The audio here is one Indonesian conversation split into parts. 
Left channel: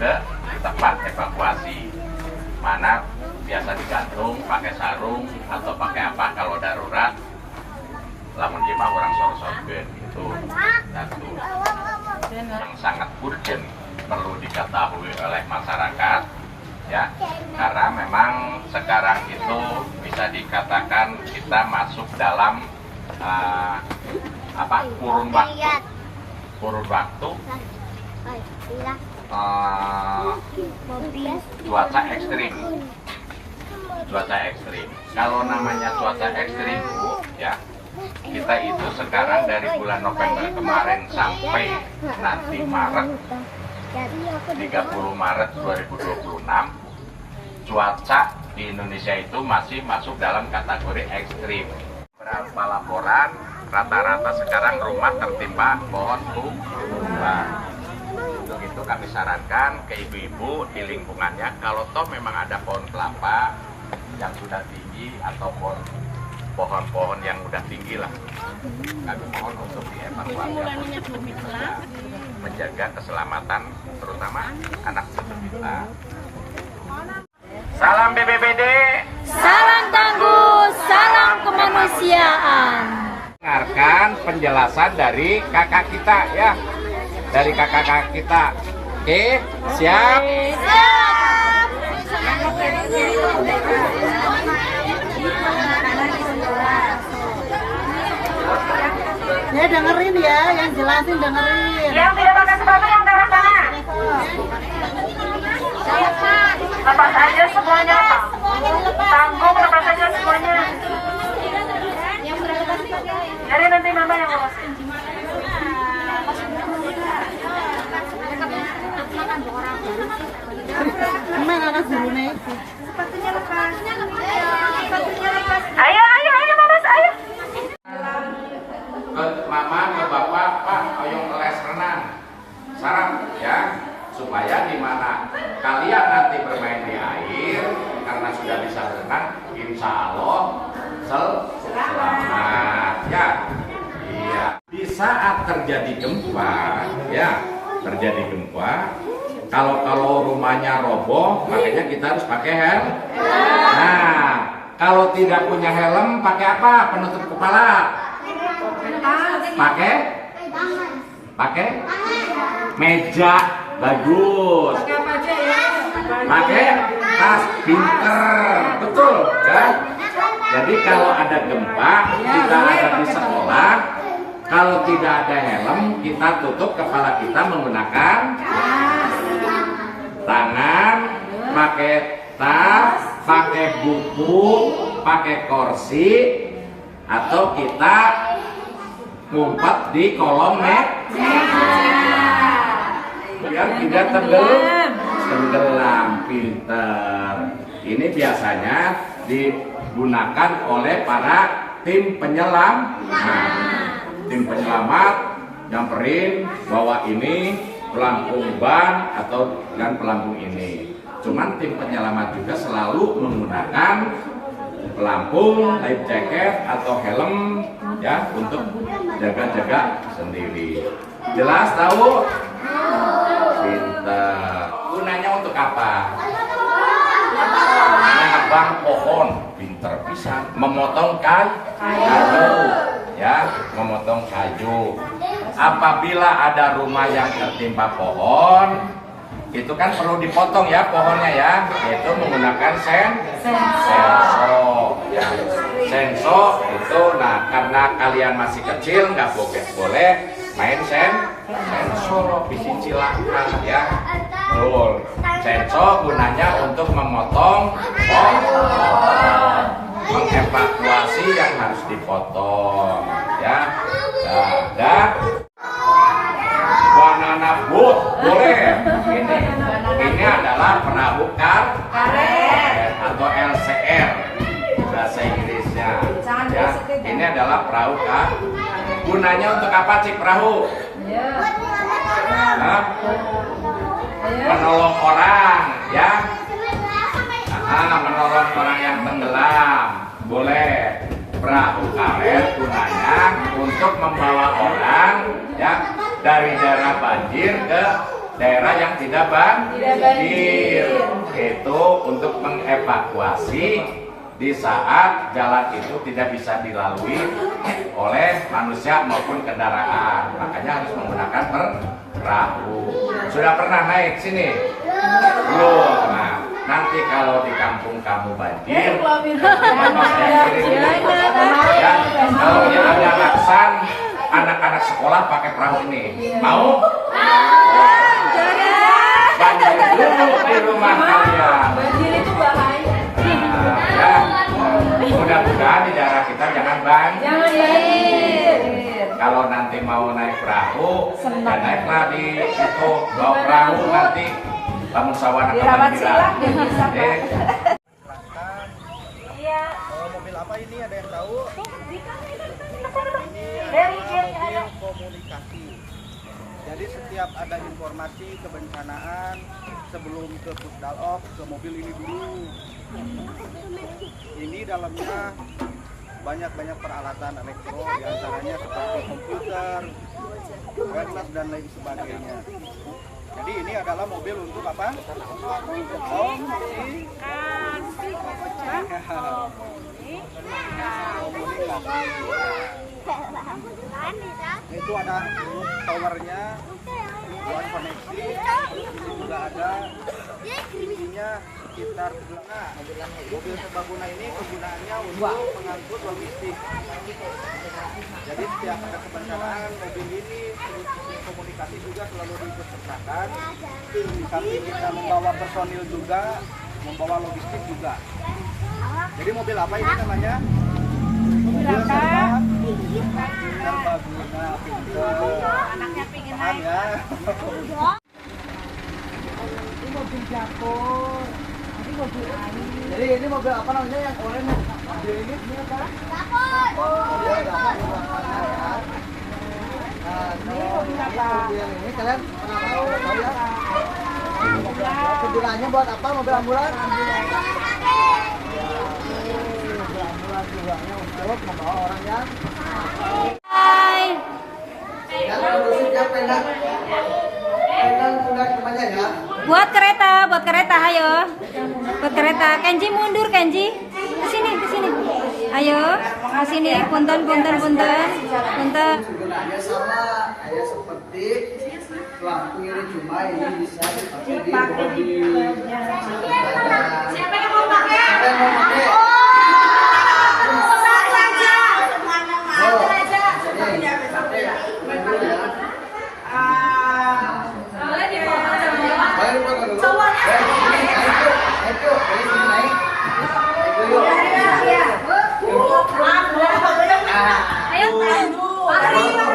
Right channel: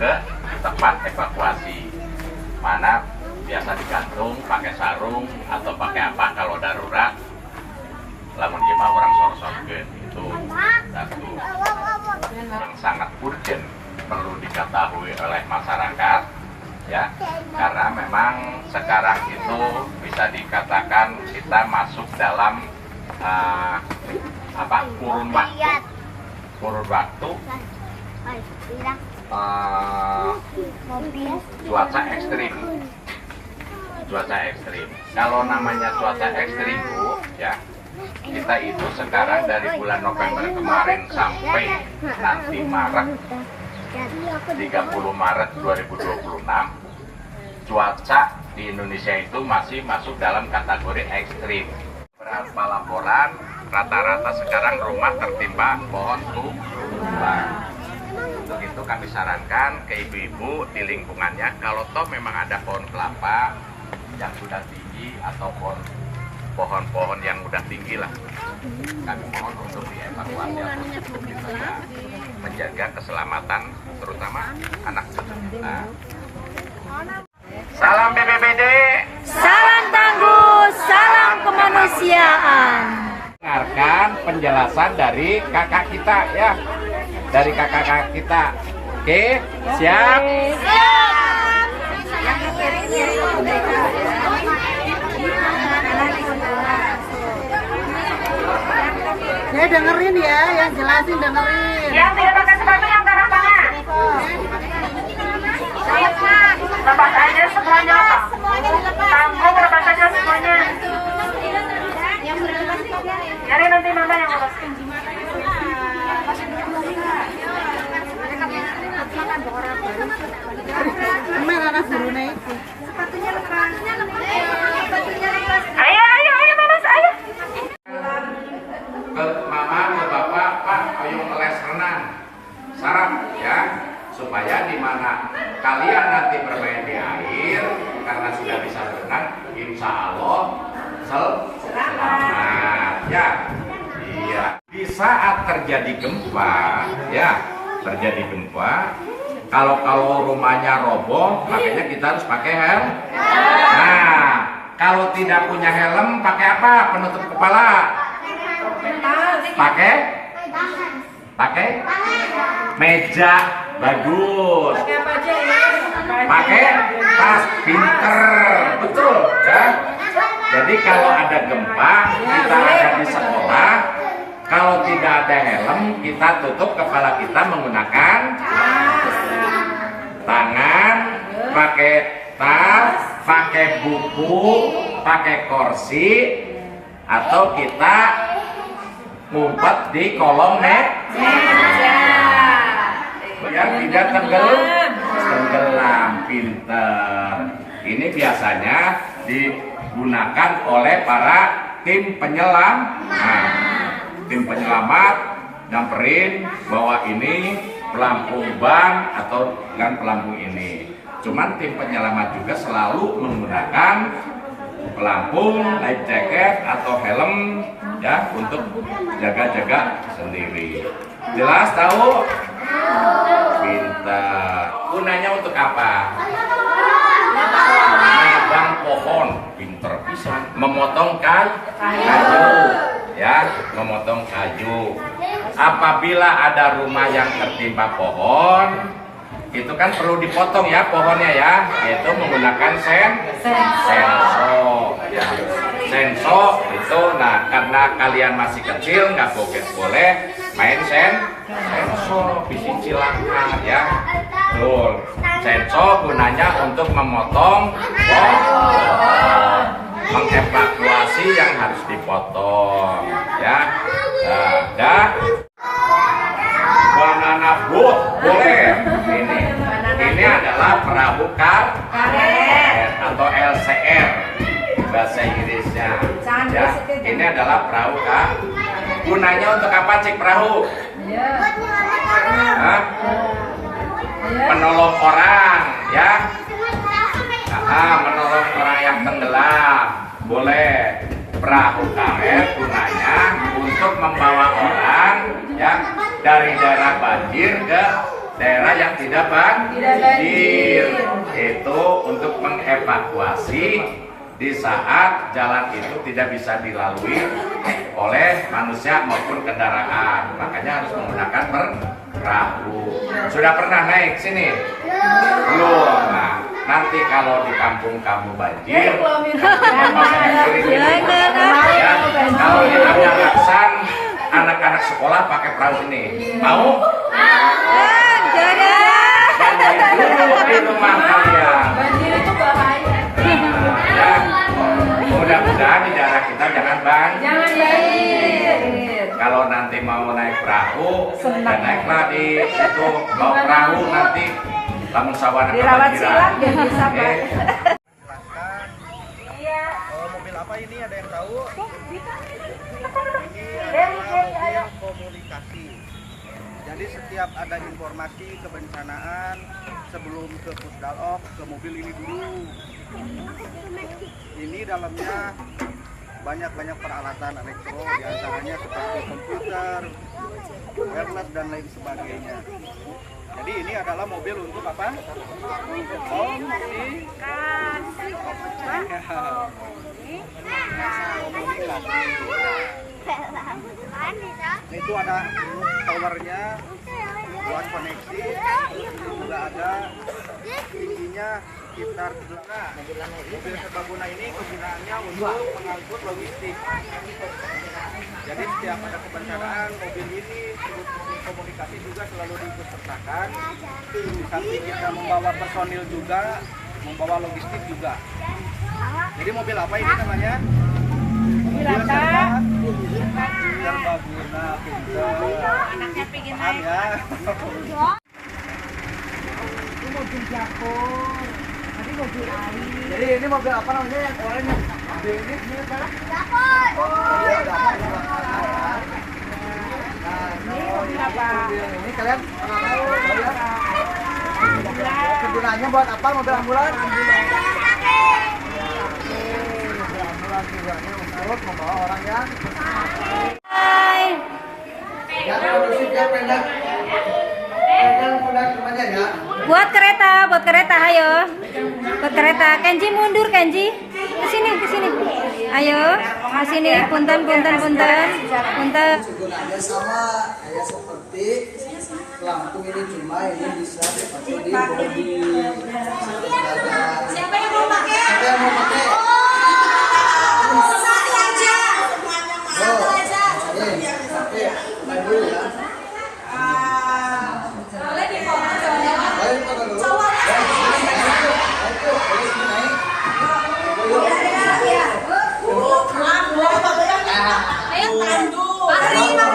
ke tempat evakuasi. Mana biasa digantung pakai sarung atau pakai apa kalau darurat. Lamun jema orang sor-sorkeun itu satu yang sangat urgent perlu diketahui oleh masyarakat ya, karena memang sekarang itu bisa dikatakan kita masuk dalam kurun waktu cuaca ekstrim. Kalau namanya cuaca ekstrim Bu ya, kita itu sekarang dari bulan November kemarin sampai nanti Maret 30 Maret 2026 cuaca di Indonesia itu masih masuk dalam kategori ekstrim. Berapa laporan rata-rata sekarang rumah tertimpa pohon tumbang. Untuk itu kami sarankan ke ibu-ibu di lingkungannya, kalau toh memang ada pohon kelapa yang sudah tinggi atau pohon-pohon yang udah tinggi lah, kami mohon untuk dievakuasi atau untuk menjaga keselamatan terutama anak cucu kita. Salam BPBD, salam tangguh, salam kemanusiaan. Dengarkan penjelasan dari kakak kita ya, dari kakak kita. Oke, siap? Ya dengerin ya, yang jelasin dengerin. Yang tidak pakai sepatu yang taruh tangan. Lepas aja semuanya Pak. Tanggung lepas aja semuanya. Yang berlepas sepatu. Jadi nanti mama yang urusin. Emang anak burune. Ayo Mas, ayo. Ke mama, ke bapak, Pak, ayo les renang. Sarap ya, supaya di mana kalian nanti bermain di air karena sudah bisa berenang, insya Allah selamat ya. Iya. Di saat terjadi gempa, ya terjadi gempa, kalau rumahnya roboh, makanya kita harus pakai helm. Nah, kalau tidak punya helm, pakai apa? Penutup kepala. Pakai meja, bagus. Pakai tas, pinter, betul ya. Jadi kalau ada gempa, kita ada di sekolah, kalau tidak ada helm, kita tutup kepala kita menggunakan tangan, pakai tas, pakai buku, pakai kursi, atau kita ngumpet di kolong yang tidak tenggelam, pinter. Ini biasanya digunakan oleh para tim penyelam. Nah, tim penyelamat nyamperin bahwa ini pelampung ban atau kan pelampung ini. Cuman tim penyelamat juga selalu menggunakan pelampung, life jacket atau helm ya untuk jaga-jaga sendiri. Jelas tahu? Pintar. Gunanya untuk apa? Menebang pohon, pinter bisa. Memotong kayu, ya, memotong kayu. Apabila ada rumah yang tertimpa pohon, itu kan perlu dipotong ya pohonnya ya, itu menggunakan senso. Ya. Senso itu, nah karena kalian masih kecil nggak boleh main senso, bisi cilaka ya. Betul. Senso gunanya untuk memotong pohon, mengevakuasi yang harus dipotong ya. Nah, banana boat boleh. Ini adalah perahu karet atau LCR bahasa Inggrisnya. Ya, ini adalah perahu karet. Gunanya untuk apa cik perahu? Hah? Menolong orang, ya. Menolong orang yang tenggelam. Boleh. Perahu karet gunanya untuk membawa orang ya dari daerah banjir ke daerah yang tidak banjir. Itu untuk mengevakuasi di saat jalan itu tidak bisa dilalui oleh manusia maupun kendaraan. Makanya harus menggunakan perahu. Sudah pernah naik sini? Belum. Nah, nanti kalau di kampung kamu banjir, bapak saya kirim ini. Ya, kalau di Laksan, anak-anak sekolah pakai perahu ini. Mau? Banjir dulu di rumah kalian. Ya, mudah-mudahan di daerah kita jangan banjir. Kalau nanti mau naik perahu, dan naiklah di situ bawa perahu nanti lamun sawana kebanjiran. Jelaskan mobil apa ini, ada yang tahu? Ini adalah mobil komunikasi. Jadi setiap ada informasi kebencanaan sebelum ke Pusdalop, ke mobil ini dulu. Ini dalamnya banyak peralatan elektro, diantaranya seperti komputer, wireless dan lain sebagainya. Jadi ini adalah mobil untuk apa? Komunikasi. Itu ada towernya buat koneksi, juga ada tingginya sekitar mobil serbaguna ini kegunaannya untuk mengangkut logistik. Jadi setiap ada kebencanaan mobil ini terus komunikasi juga selalu diikut sertakan. Tapi kita membawa personil juga, membawa logistik juga. Jadi mobil apa ini namanya? Mobil serbaguna, pinter. Paham ya? Ini mobil jakor. Jadi ini mobil apa namanya yang oranye? Mobil ini apa? Jakor. Ini mobil apa? Ini kalian pernah tahu ya? Kegunaannya buat apa mobil ambulan? Mobil ambulan tujuannya untuk membawa orang yang Hai. yang kondusif ya, pegang pundak temannya ya. Buat kereta, ayo. Buat kereta, Kenji mundur, Kenji. Ke sini. Ayo, ke sini, punten. Sebenarnya sama kayak seperti lampu ini, cuma ini bisa dipakai di bodi. Siapa yang mau pakai?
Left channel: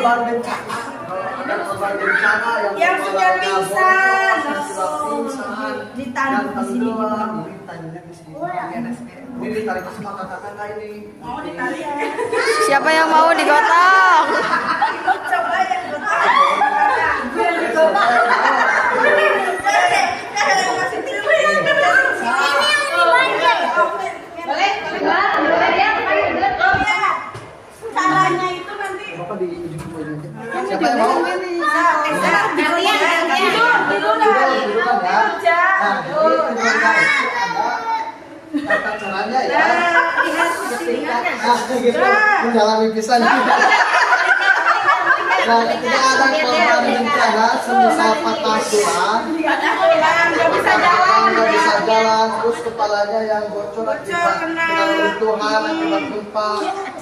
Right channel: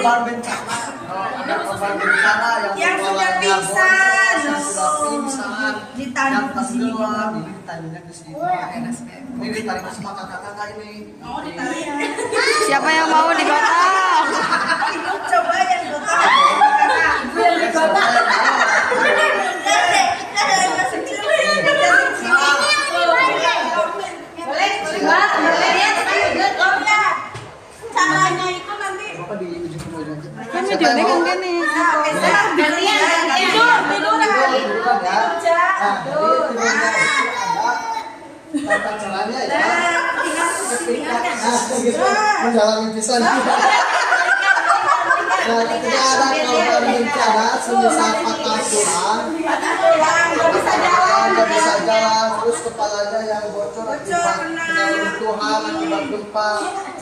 Korban bencana, ada korban bencana yang kepalanya bocor, sudah pingsan, yang tenggelam, ini ditanya di sini. Ini ditarik sama kakak-kakak ini. Siapa yang mau digotong? Coba yang caranya itu nanti Bapak di ujung aja. Siapa yang mau? Tata caranya ya. Gitu. Menjalani pisan. Nah, ketika ada korban bencana, semisal patah tulang, nggak bisa jalan, terus kepalanya yang bocor akibat kena runtuhan akibat gempa,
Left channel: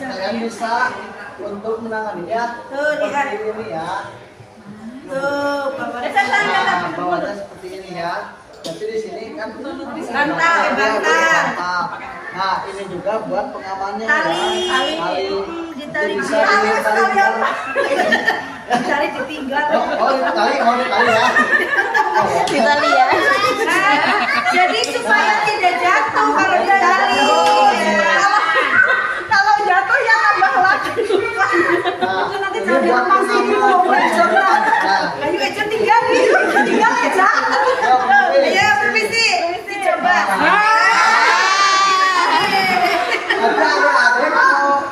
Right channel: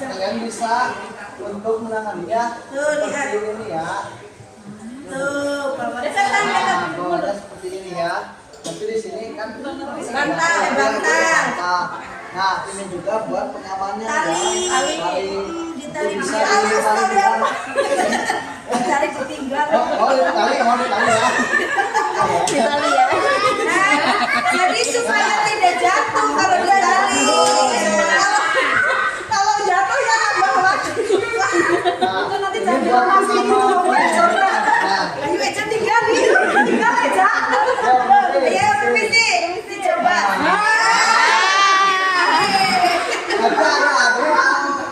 kalian bisa untuk menanganinya seperti ini ya. Nah, bawahnya seperti ini ya. Tapi di sini kan bantal. Nah, ini juga buat pengamannya ya. Tali bisa Tali ditinggal. Oh, tali ya. Ditali ya. Jadi supaya tidak jatuh kalau ditali. Kalau jatuh ya tambah lagi. Nah, Nanti ini buat pengaman. Nah, ayo aja tinggal aja. Ayo permisi coba. Tapi ada mau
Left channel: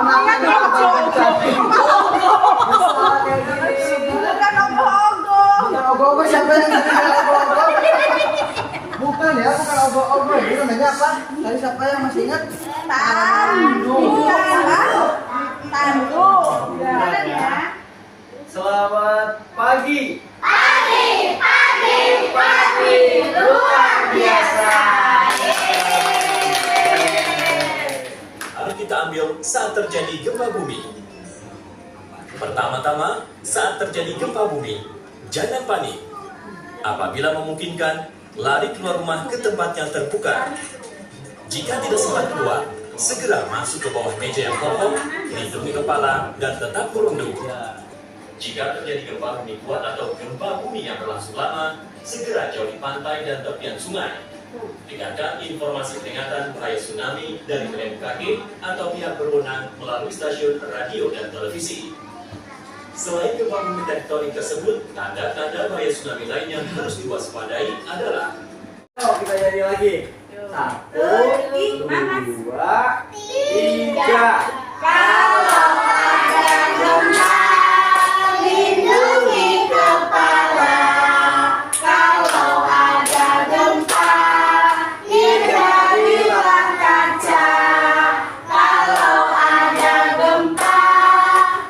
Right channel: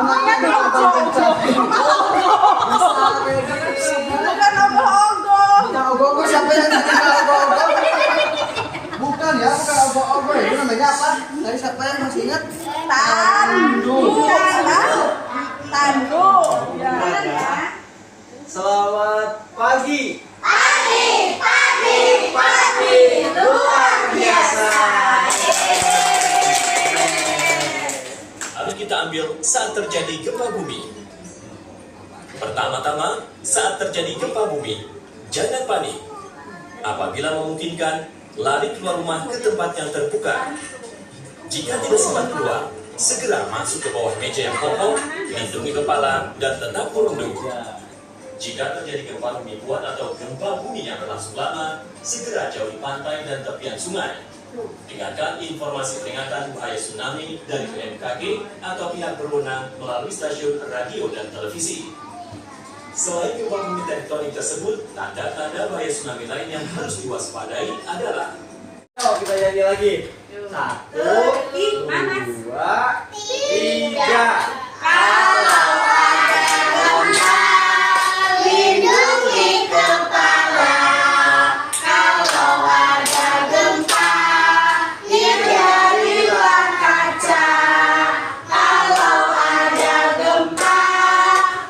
menangani korban bencana. Bisa kayak gini. Bukan ogoh-ogoh. Bukan ogoh-ogoh, siapa yang jadi ogoh-ogoh? Bukan ya, bukan ogoh-ogoh. Itu namanya apa? Tadi siapa yang masih ingat? Tandu. Selamat pagi. Luar biasa. Mari kita ambil saat terjadi gempa bumi. Pertama-tama, saat terjadi gempa bumi, jangan panik. Apabila memungkinkan, lari keluar rumah ke tempat yang terbuka. Jika tidak sempat keluar, segera masuk ke bawah meja yang kokoh, lindungi kepala, dan tetap merunduk. Jika terjadi gempa bumi kuat atau gempa bumi yang berlangsung lama, segera jauhi pantai dan tepian sungai. Dengarkan informasi peringatan bahaya tsunami dari BMKG atau pihak berwenang melalui stasiun radio dan televisi. Selain gempa bumi tektonik tersebut, tanda-tanda bahaya tsunami lain yang harus diwaspadai adalah Kita nyanyi lagi. 1, 2, 3. Kalau ada gempa, lindungi kepala. Kalau ada gempa, hindarilah kaca. Kalau ada gempa,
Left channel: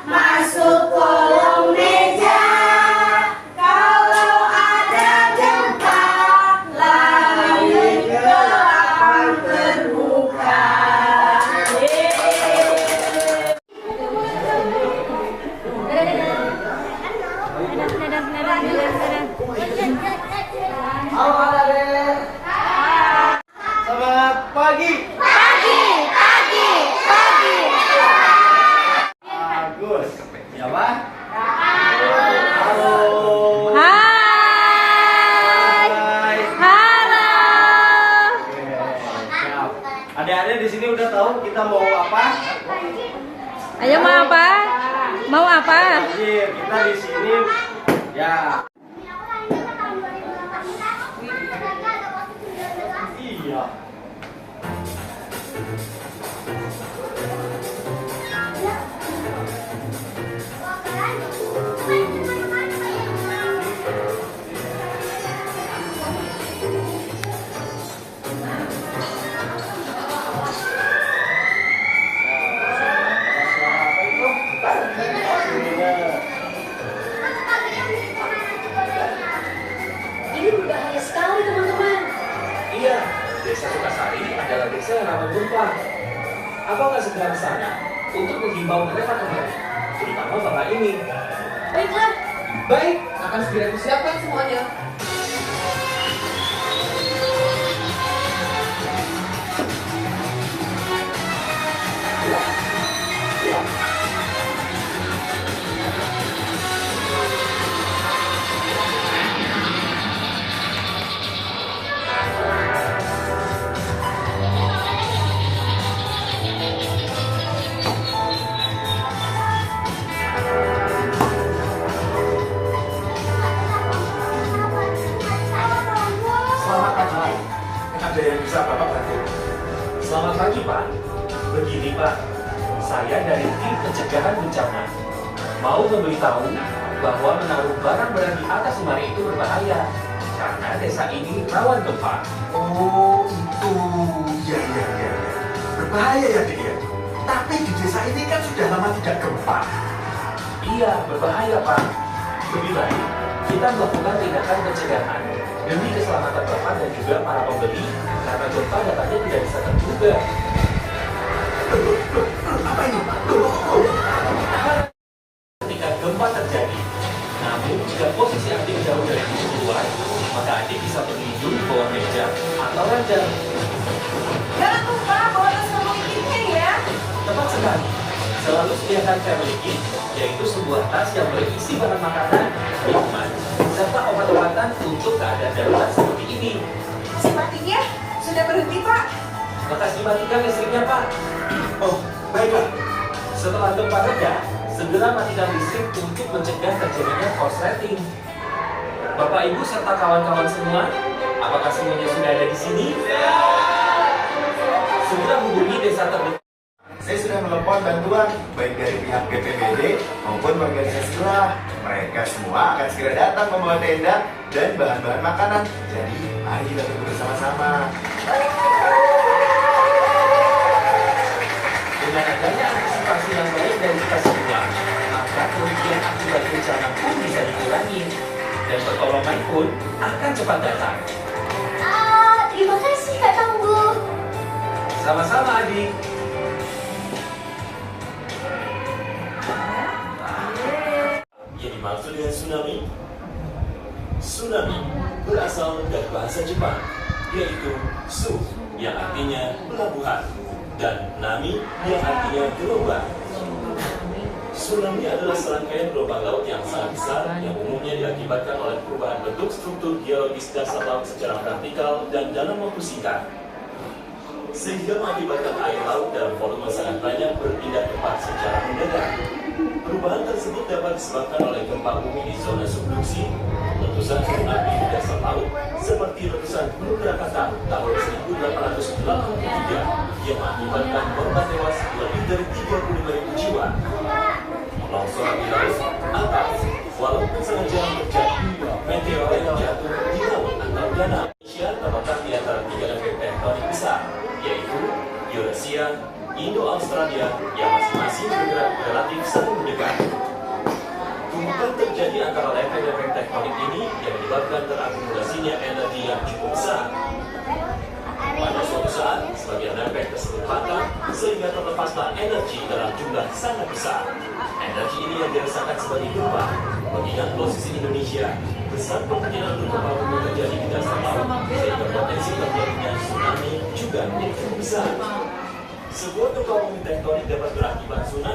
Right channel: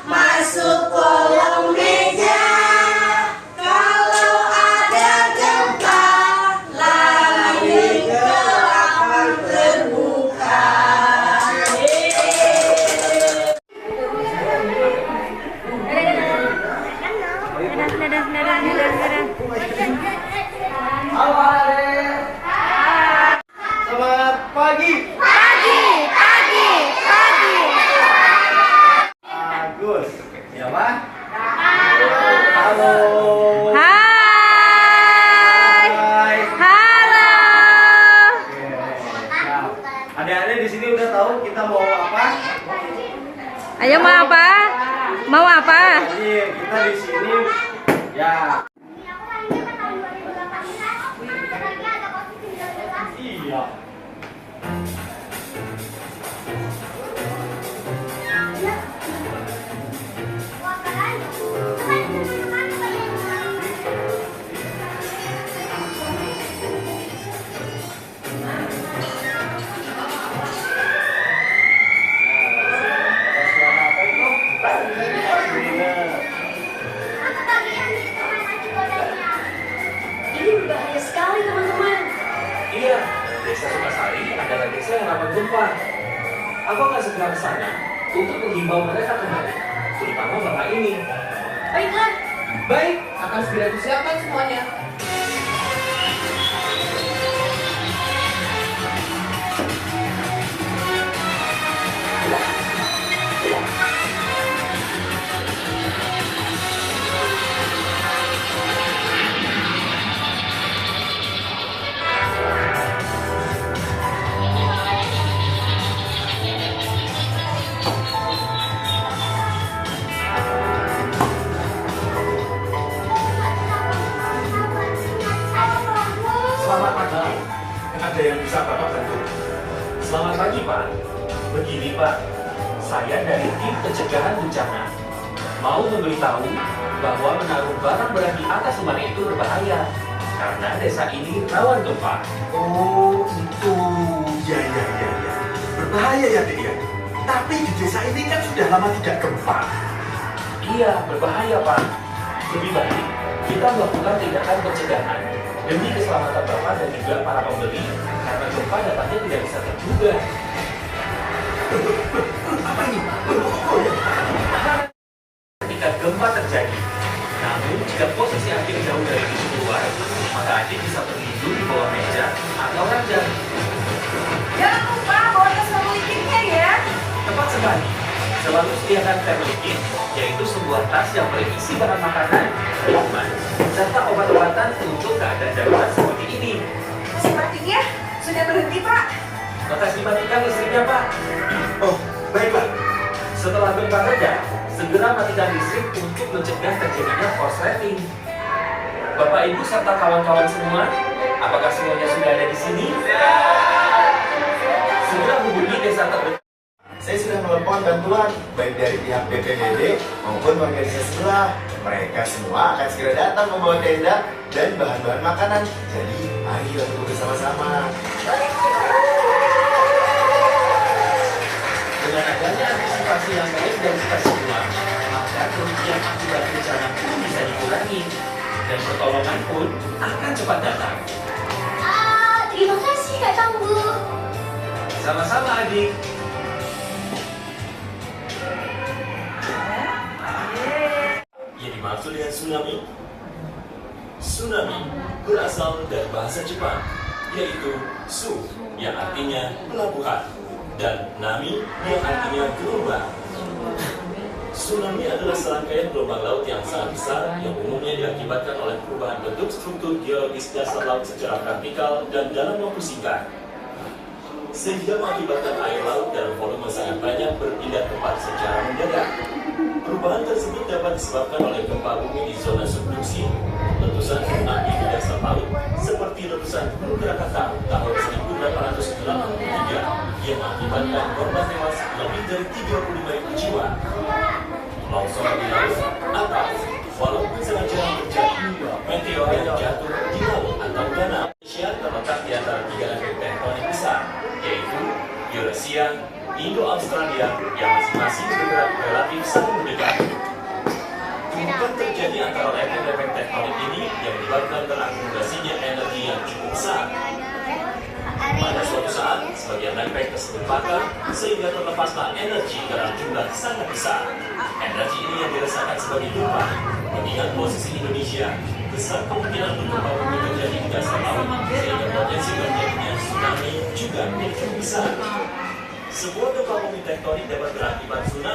masuk kolong meja. Kalau ada gempa, lari ke lapang terbuka. Dadah. Halo adik. Selamat pagi. Pagi. Bagus. Siapa? Halo. Hai. Hai. Halo. Oke, siap. Adik-adik di sini udah tahu kita mau apa? Ayo mau apa? Mau apa? Jadi kita di sini ya. Iya. Ini berbahaya sekali teman-teman. Iya, desa Sukasari adalah desa yang rawan gempa. Aku akan segera ke sana untuk menghimbau mereka kembali, terutama bapak ini. Baiklah, Baik, akan segera disiapkan semuanya. Selamat pagi. Ada yang bisa Bapak bantu? Selamat pagi, Pak. Begini, Pak. Saya dari tim pencegahan bencana mau memberitahu bahwa menaruh barang-barang di atas lemari itu berbahaya karena desa ini rawan gempa. Oh itu, ya. Berbahaya ya Dek ya. Tapi di desa ini kan sudah lama tidak gempa. Iya, berbahaya, Pak. Lebih baik kita melakukan tindakan pencegahan demi keselamatan Bapak dan juga para pembeli karena gempa datanya tidak bisa terduga. Apa ini Pak? Ketika gempa terjadi, namun jika posisi Adik jauh dari pintu keluar, maka Adik bisa berlindung di bawah meja atau ranjang. Jangan lupa bawa tas family kitnya ya. Tepat sekali. Selalu sediakan family kit, yaitu sebuah tas yang berisi bahan makanan, minuman, serta obat-obatan untuk keadaan darurat seperti ini. Sepertinya sudah berhenti, Pak. Bekas dimatikan listriknya, Pak. Oh, baiklah. Setelah gempa reda, segera matikan listrik untuk mencegah terjadinya korsleting. Bapak Ibu serta kawan-kawan semua, apakah semuanya sudah ada di sini? Segera hubungi desa terdekat. Saya sudah sudah melepon bantuan baik dari pihak BPBD maupun organisasi sebelah. Mereka semua akan segera datang membawa tenda dan bahan-bahan makanan. Jadi, mari kita tunggu bersama-sama. Dengan adanya antisipasi yang baik dan dikasih uang, maka kerugian akibat bencana pun bisa dikurangi dan pertolongan pun akan cepat datang. Terima kasih Kak Tangguh. Sama-sama adik. Yang dimaksud dengan tsunami? Tsunami berasal dari bahasa Jepang, yaitu su yang artinya pelabuhan dan nami yang artinya gelombang. Tsunami adalah serangkaian gelombang laut yang sangat besar yang umumnya diakibatkan oleh perubahan bentuk struktur geologis dasar laut secara vertikal dan dalam waktu singkat, sehingga mengakibatkan air laut dalam volume sangat banyak berpindah tempat secara mendadak. Perubahan tersebut dapat disebabkan oleh gempa bumi di zona subduksi, letusan tsunami di dasar laut, seperti letusan Gunung Krakatau tahun 1883 yang mengakibatkan korban tewas lebih dari 35.000 jiwa. Longsoran di laut, atau walaupun sangat jarang terjadi, meteor yang jatuh di laut atau danau. Indonesia terletak di antara 3 lempeng tektonik besar, yaitu Eurasia, Indo-Australia yang masing-masing bergerak relatif saling mendekat. Tumpukan terjadi antara lempeng-lempeng tektonik ini yang menyebabkan terakumulasinya energi yang cukup besar. Pada suatu saat, sebagian lempeng tersebut patah sehingga terlepaslah energi dalam jumlah sangat besar. Energi ini yang dirasakan sebagai gempa. Mengingat posisi Indonesia, besar kemungkinan untuk gempa bumi terjadi di dasar laut, sehingga potensi terjadinya tsunami juga menjadi besar. Sebuah gempa bumi tektonik dapat berakibat tsunami